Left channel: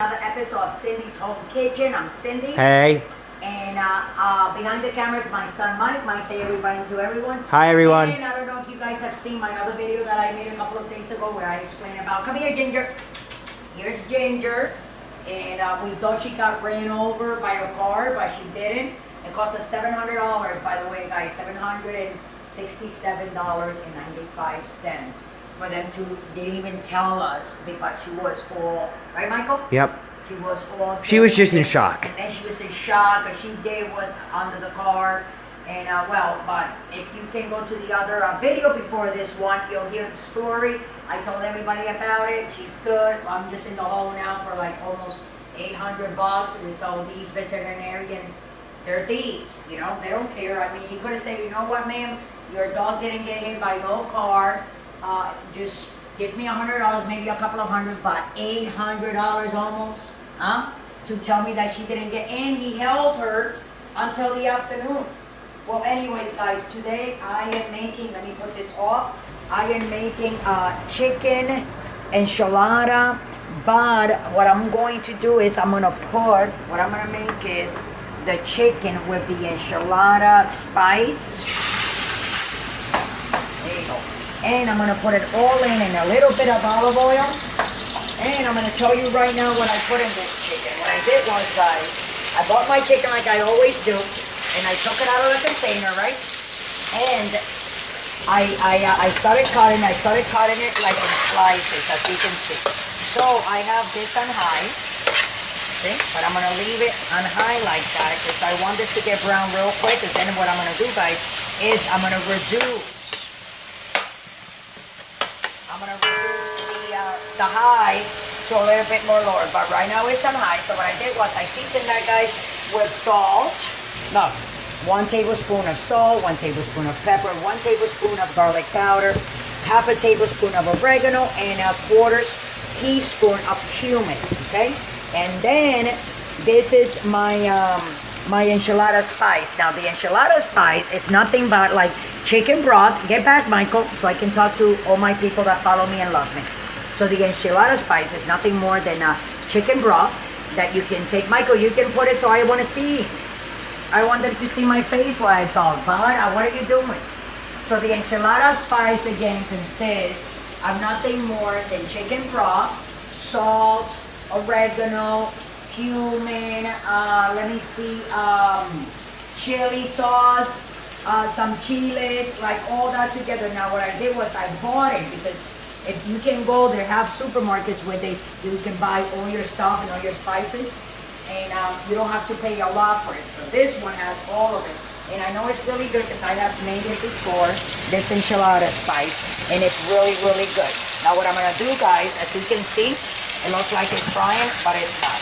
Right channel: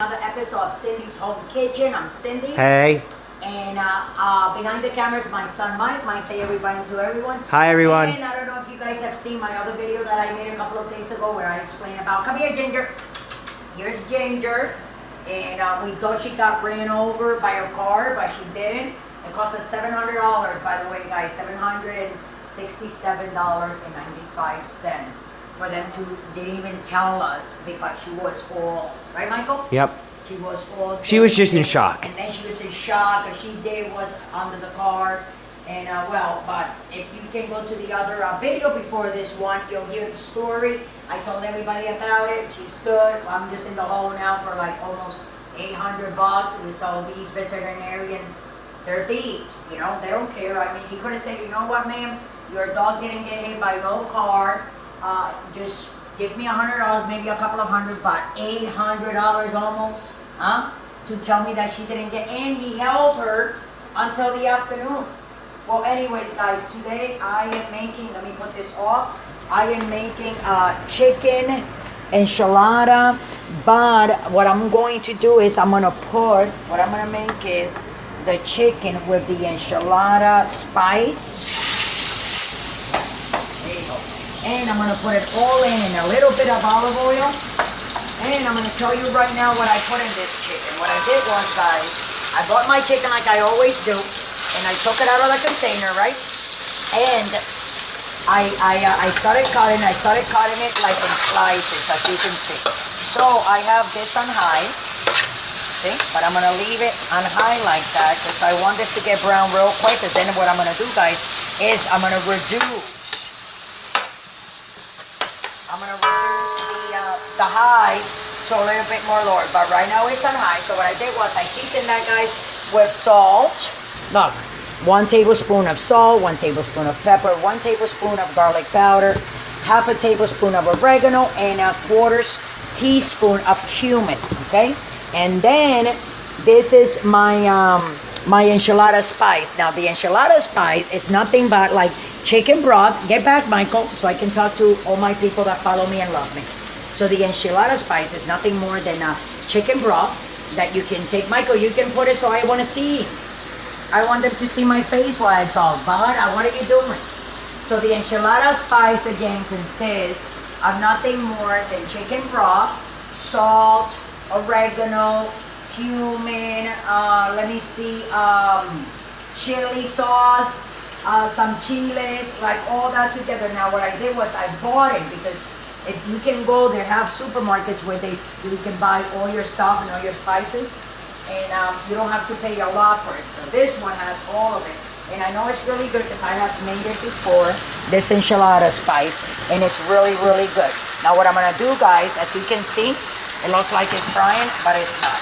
Another episode of Cindy's Home Kitchen. I'm Cindy. Hey. And behind the camera is my son Mike. Mike, say everybody to everyone. Hi everyone. And I don't know if you guys have seen my other video that I made a couple of days ago where I explain about, come here Ginger. Here's Ginger. And we thought she got ran over by a car, but she didn't. It cost us $700, by the way, guys. $767.95. For them to, they didn't even tell us, because she was all, right Michael? Yep. She was all. She was just in shock. And then she was in shock because she did was under the car. And but if you can go to the other video before this one, you'll hear the story. I told everybody about it. She stood. I'm just in the hole now for like almost $800. And so these veterinarians, they're thieves. You know, they don't care. I mean, he could have said, you know what, ma'am, your dog didn't get hit by no car. Just give me $100, maybe a couple of hundred, but $800 almost, to tell me that she didn't get, and he held her until the afternoon. Well, anyways, guys, today I am making, let me put this off, I am making chicken enchilada, but what I'm going to do is what I'm going to make is the chicken with the enchilada spice. And I'm going to put it all in a little bit of olive oil. And I'm going to tell you right now what I put in this chicken. What I did was, guys, I bought my chicken like I always do. And I took it out of the container, right? And I started cutting it like in slices, as you can see. So I have this on high. See? But I'm going to leave it on high like that because I want this to get brown real quick. And then what I'm going to do, guys, is I'm going to reduce the high to a little bit more lower, but right now it's on high. So what I did was I seasoned that, guys, with salt. Look, 1 tablespoon of salt, 1 tablespoon of pepper, 1 tablespoon of garlic powder, half a tablespoon of oregano, and a 1/4 teaspoon of cumin. Okay, and then this is my my enchilada spice. Now the enchilada spice is nothing but like chicken broth. Get back, Michael, so I can talk to all my people that follow me and love me. So the enchilada spice is nothing more than chicken broth that you can take. Michael, you can put it so I want to see. I want them to see my face while I talk. But what are you doing? So the enchilada spice again consists of nothing more than chicken broth, salt, oregano, cumin, let me see, chili sauce, some chiles, like all that together. Now what I did was I bought it because if you can go, they have supermarkets where you can buy all your stuff and all your spices, and you don't have to pay a lot for it. So this one has all of it, and I know it's really good because I have made it before, this enchilada spice, and it's really, really good. Now what I'm gonna do, guys, as you can see, it looks like it's frying, but it's not.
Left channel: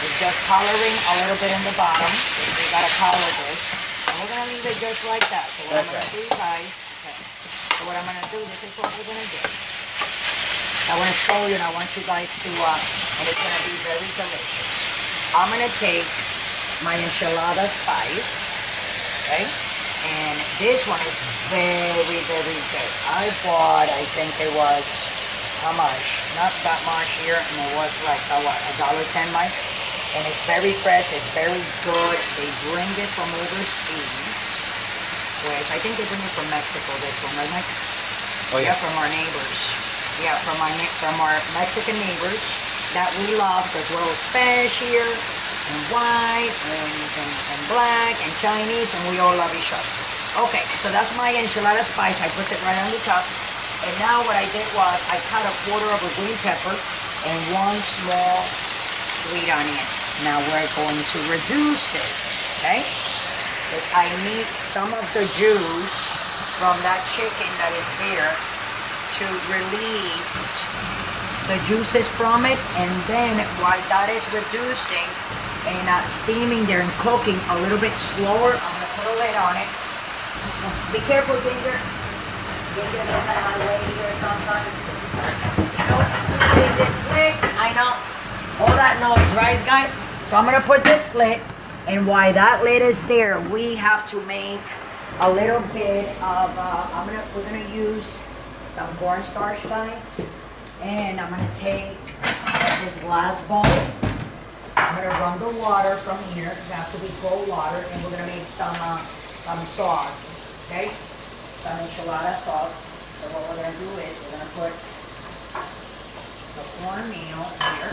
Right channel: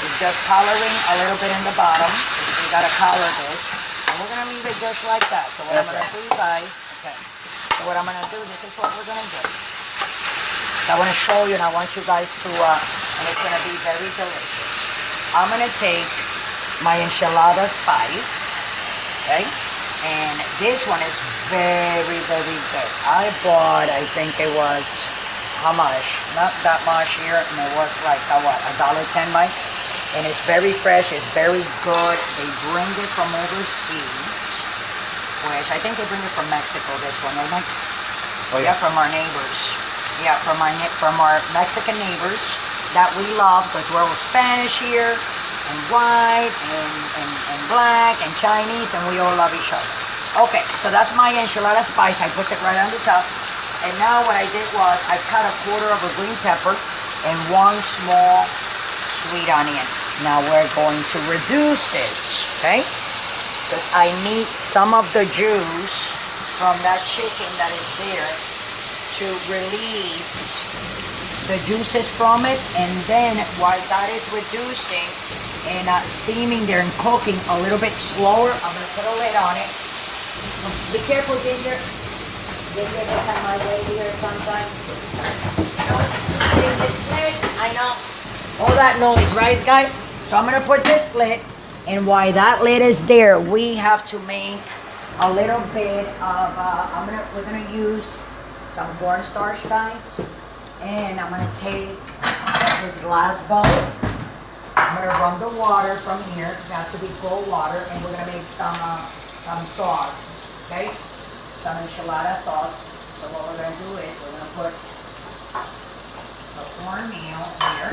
It's just coloring a little bit in the bottom. We gotta color this, and we're gonna leave it just like that. So what I'm gonna do, guys, so what I'm gonna do, this is what we're gonna do. I want to show you, and I want you guys to, and it's going to be very delicious. I'm going to take my enchilada spice, okay? And this one is very, very good. I bought, I think it was, how much? Not that much here, and it was like, $1.10, Mike? And it's very fresh, it's very good. They bring it from overseas, which I think they bring it from Mexico, this one, don't they? Oh, yeah. From our neighbors. Yeah, from our Mexican neighbors that we love, because we're all Spanish here, and white, and black, and Chinese, and we all love each other. Okay, so that's my enchilada spice. I put it right on the top. And now what I did was I cut a 1/4 of a green pepper and 1 small sweet onion. Now we're going to reduce this, okay? Because I need some of the juice from that chicken that is there to release the juices from it, and then while that is reducing and steaming there and cooking a little bit slower, I'm going to put a lid on it. Be careful, Ginger. Ginger gets out of my way here sometimes. I know. All that noise, right, guys? So I'm going to put this lid, and while that lid is there, we have to make a little bit of, we're going to use some cornstarch, guys, and I'm gonna take this glass bowl I'm gonna run the water from here. It has to be cold water, and we're gonna make some sauce, okay? Some enchilada sauce. So what we're gonna do is we're gonna put the cornmeal here,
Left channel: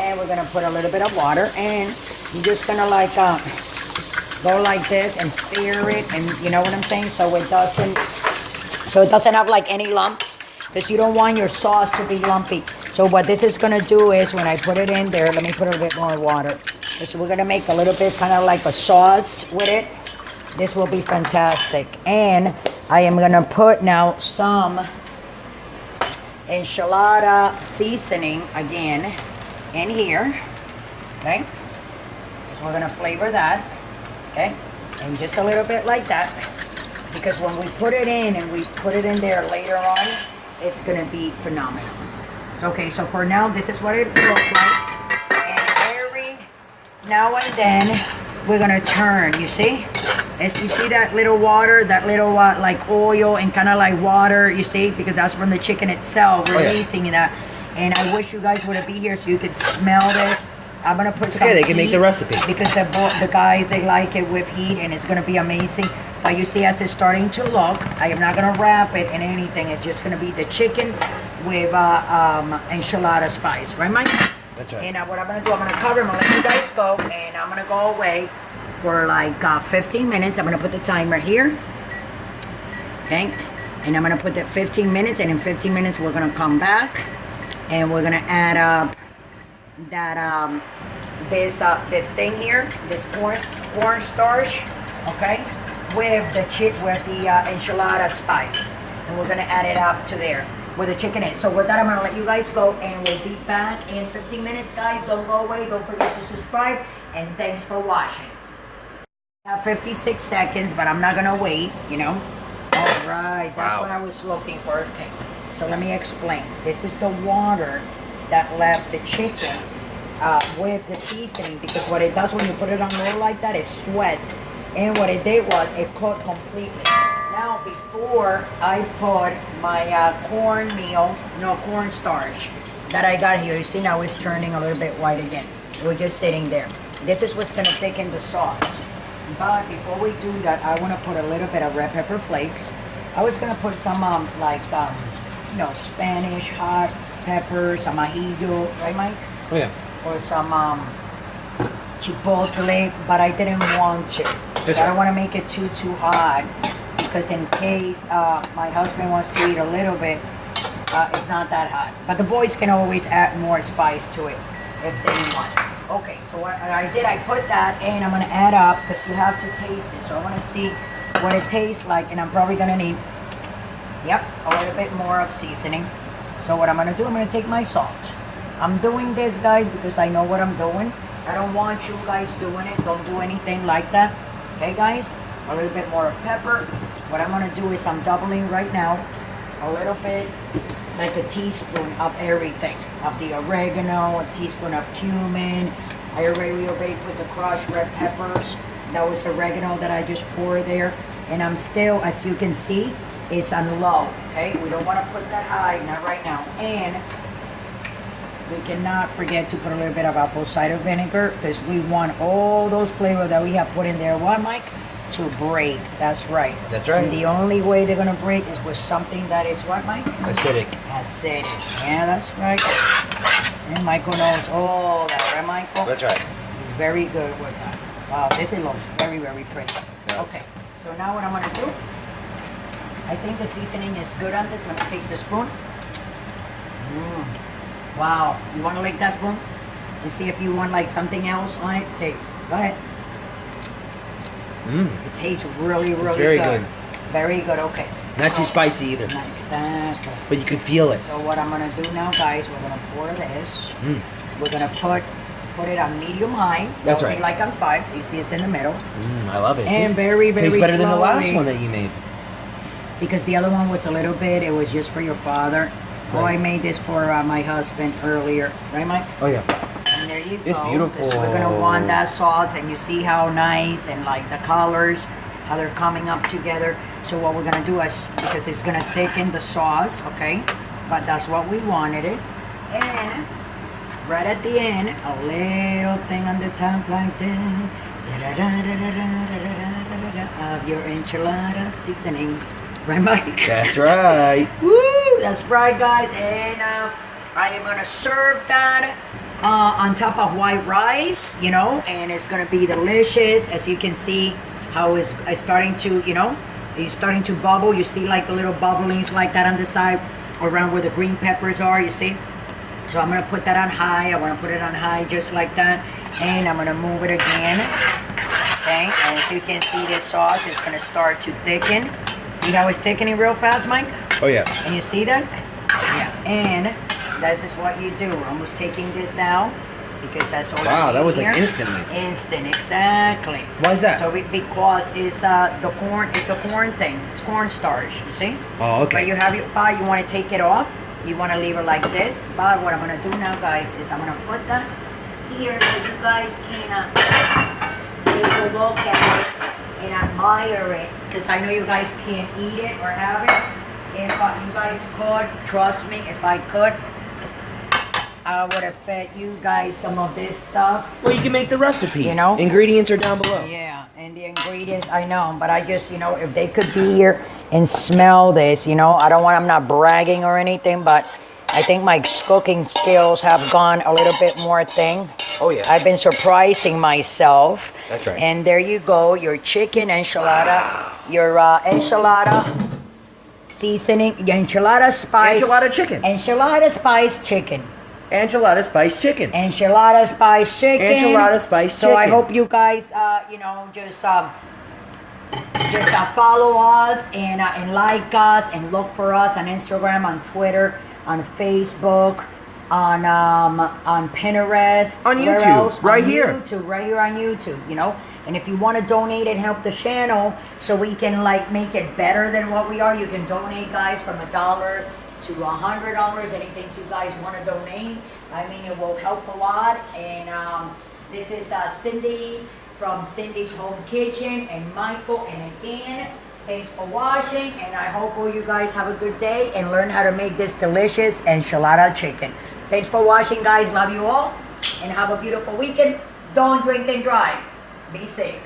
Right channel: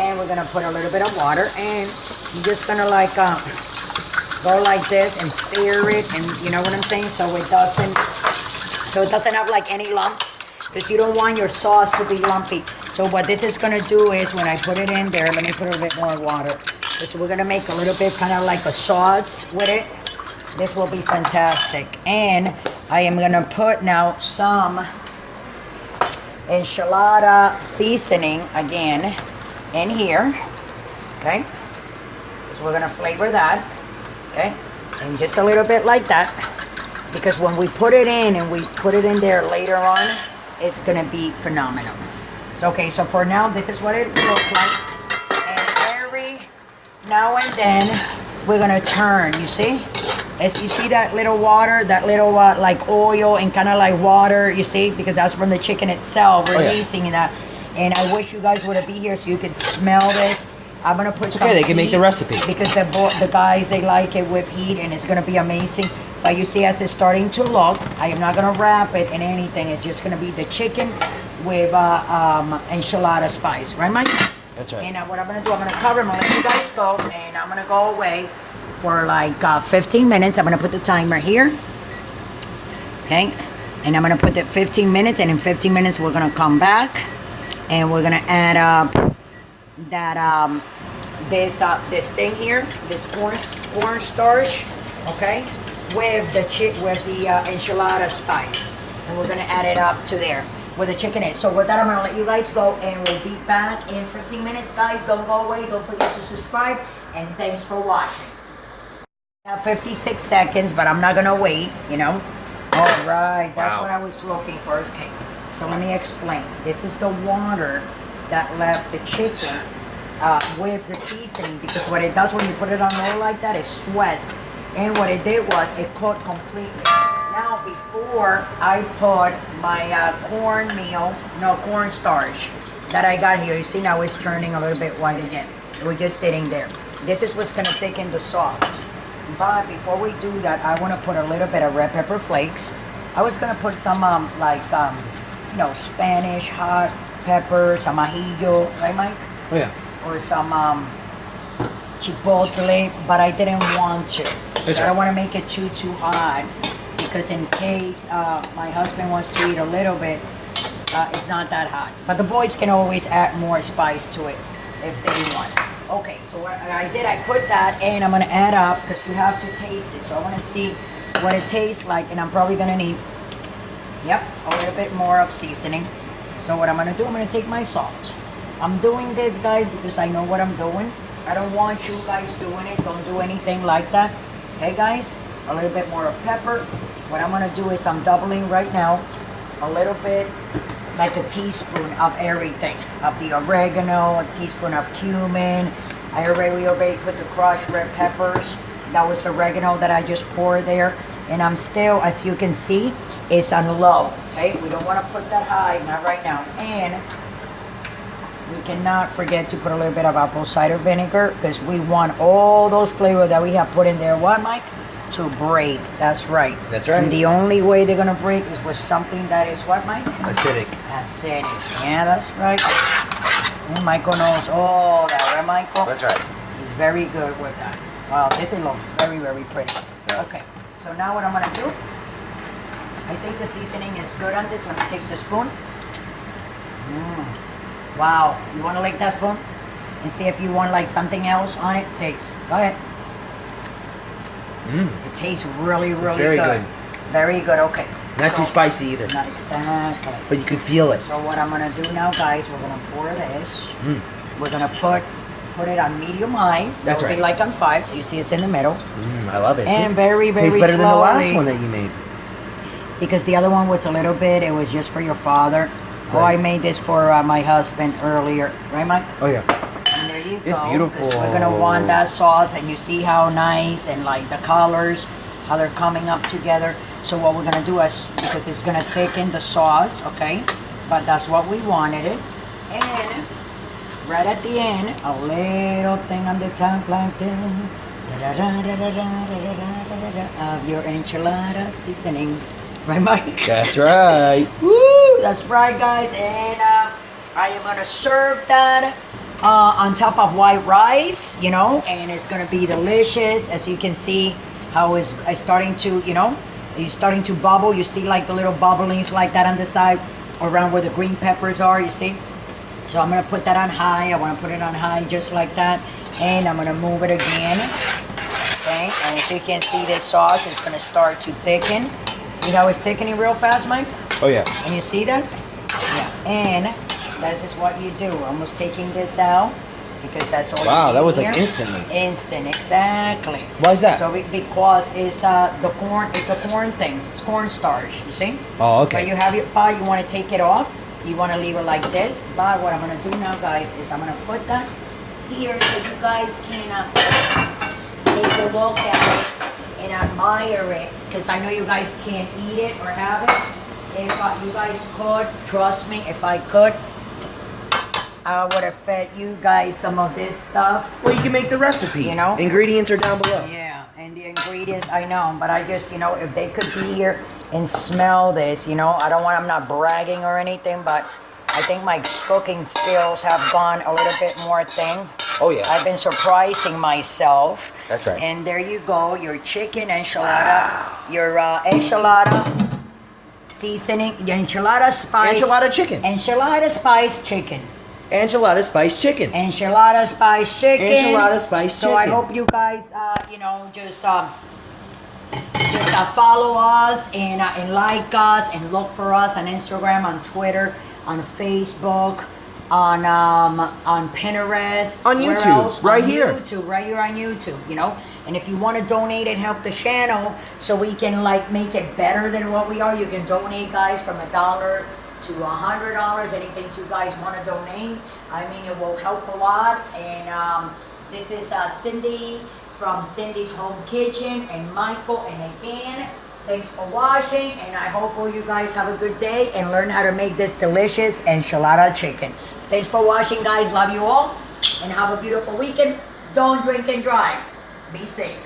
and we're gonna put a little bit of water, and you're just gonna like go like this and stir it, and you know what I'm saying, so it doesn't have like any lumps, because you don't want your sauce to be lumpy. So what this is gonna do is when I put it in there, let me put a little bit more water. So we're gonna make a little bit kind of like a sauce with it. This will be fantastic. And I am gonna put now some enchilada seasoning again in here, okay? So we're gonna flavor that, okay? And just a little bit like that, because when we put it in and we put it in there later on, it's gonna be phenomenal. So, okay, so for now, this is what it looks like. And every now and then, we're gonna turn, you see? As you see that little water, that little like oil and kind of like water, you see? Because that's from the chicken itself, releasing that. And I wish you guys would be here so you could smell this. I'm gonna put some okay, they can make the recipe. because the guys, they like it with heat, and it's gonna be amazing. But you see, as it's starting to look, I am not gonna wrap it in anything. It's just gonna be the chicken with enchilada spice, right, Mike? That's right. And what I'm gonna do, I'm gonna cover them, I'll let you guys go, and I'm gonna go away for like 15 minutes. I'm gonna put the timer here, okay? And I'm gonna put that 15 minutes, and in 15 minutes we're gonna come back, and we're gonna add up that this thing here, this corn starch, okay, with the enchilada spice, and we're gonna add it up to there where the chicken is. So with that, I'm gonna let you guys go, and we'll be back in 15 minutes, guys. Don't go away. Don't forget to subscribe, and thanks for watching. 56 seconds, but I'm not gonna wait, you know. All right, that's what I was looking for. Okay, so let me explain. This is the water that left the chicken with the seasoning, because what it does when you put it on low like that, it sweats. And what it did was it cooked completely. Now, before I put my corn starch that I got here, you see now it's turning a little bit white again. We're just sitting there. This is what's gonna thicken the sauce. But before we do that, I want to put a little bit of red pepper flakes. I was gonna put some Spanish hot pepper, some ajillo, right, Mike? Oh yeah. Or some chipotle, but I didn't want to. I don't want to make it too hot, because in case my husband wants to eat a little bit, it's not that hot. But the boys can always add more spice to it if they want. Okay, so what I put that, and I'm gonna add up, because you have to taste it. So I want to see what it tastes like, and I'm probably gonna need, a little bit more of seasoning. So what I'm gonna do, I'm gonna take my salt. I'm doing this, guys, because I know what I'm doing. I don't want you guys doing it. Don't do anything like that. Okay, guys? A little bit more of pepper. What I'm gonna do is I'm doubling right now a little bit, like a teaspoon of everything. Of the oregano, a teaspoon of cumin. I already put the crushed red peppers. That was oregano that I just poured there. And I'm still, as you can see, it's on low. Okay? We don't want to put that high, not right now. And we cannot forget to put a little bit of apple cider vinegar, because we want all those flavors that we have put in there, what, Mike? To break. That's right. That's right. And the only way they're going to break is with something that is what, Mike? Acidic. Acidic. Yeah, that's right. And Michael knows all that, right, Michael? That's right. He's very good with that. Wow, this looks very, very pretty. Yes. Okay, so now what I'm going to do, I think the seasoning is good on this. Let me take the spoon. Wow, you want to lick that spoon? And see if you want like something else on it? Taste. Go ahead. It tastes really, really very good. good. Very good, okay. Not too spicy either. Not exactly. But you can feel it. So what I'm going to do now, guys, we're going to pour this. We're going to put it on medium high. That's It'll right. be like on 5, so you see it's in the middle. I love it. And very, very tastes better than the last slowly. one that you made. Because the other one was a little bit, it was just for your father. Right. Oh, I made this for my husband earlier. Right, Mike? Oh, yeah. And there you It's go. beautiful. We're going to want that sauce, and you see how nice, and like the colors, how they're coming up together. So what we're going to do is, because it's going to thicken the sauce, okay? But that's what we wanted it. And right at the end, a little thing on the top like that. Of your enchilada seasoning. Right, Mike? That's right. Woo! That's right, guys. And I am gonna serve that on top of white rice, you know, and it's gonna be delicious. As you can see, how it's starting to, you know, it's starting to bubble. You see like the little bubblings like that on the side, around where the green peppers are. You see? So I'm gonna put that on high. I wanna put it on high just like that, and I'm gonna move it again. Okay, and as you can see, this sauce is gonna start to thicken. See how it's thickening real fast, Mike? Oh yeah. And you see that? Yeah. And this is what you do. We're almost taking this out because that's all. Wow, that was here. like instantly. Instant, exactly. Why is that? So because it's the corn, it's the corn thing. It's corn starch. You see? Oh, okay. But you have your pie. You want to take it off. You want to leave it like this. But what I'm gonna do now, guys, is I'm gonna put that here so you guys can take a look at it and admire it, because I know you guys can't eat it or have it. If you guys could, trust me, if I could, I would have fed you guys some of this stuff. Well, you can make the recipe. You know? Ingredients are down below. Yeah, and the ingredients, I know, but I just, you know, if they could be here and smell this, you know, I'm not bragging or anything, but I think my cooking skills have gone a little bit more thing. Oh yeah. I've been surprising myself. That's right. And there you go, your chicken enchilada, your enchilada seasoning, your enchilada spice. Enchilada chicken. Enchilada spice chicken. Enchilada spice chicken. Enchilada spice chicken. Enchilada spice chicken. So I hope you guys, you know, just follow us and like us and look for us on Instagram, on Twitter, on Facebook, on Pinterest, on where YouTube, else? right on here. YouTube, right here on YouTube, you know. And if you want to donate and help the channel so we can like make it better than what we are, you can donate, guys, from $1 to $100. Anything you guys want to donate, I mean, it will help a lot. And this is Cindy from Cindy's Home Kitchen, and Michael. And again, thanks for watching, and I hope all you guys have a good day and learn how to make this delicious enchilada chicken. Thanks for watching, guys. Love you all, and have a beautiful weekend. Don't drink and drive. Be safe.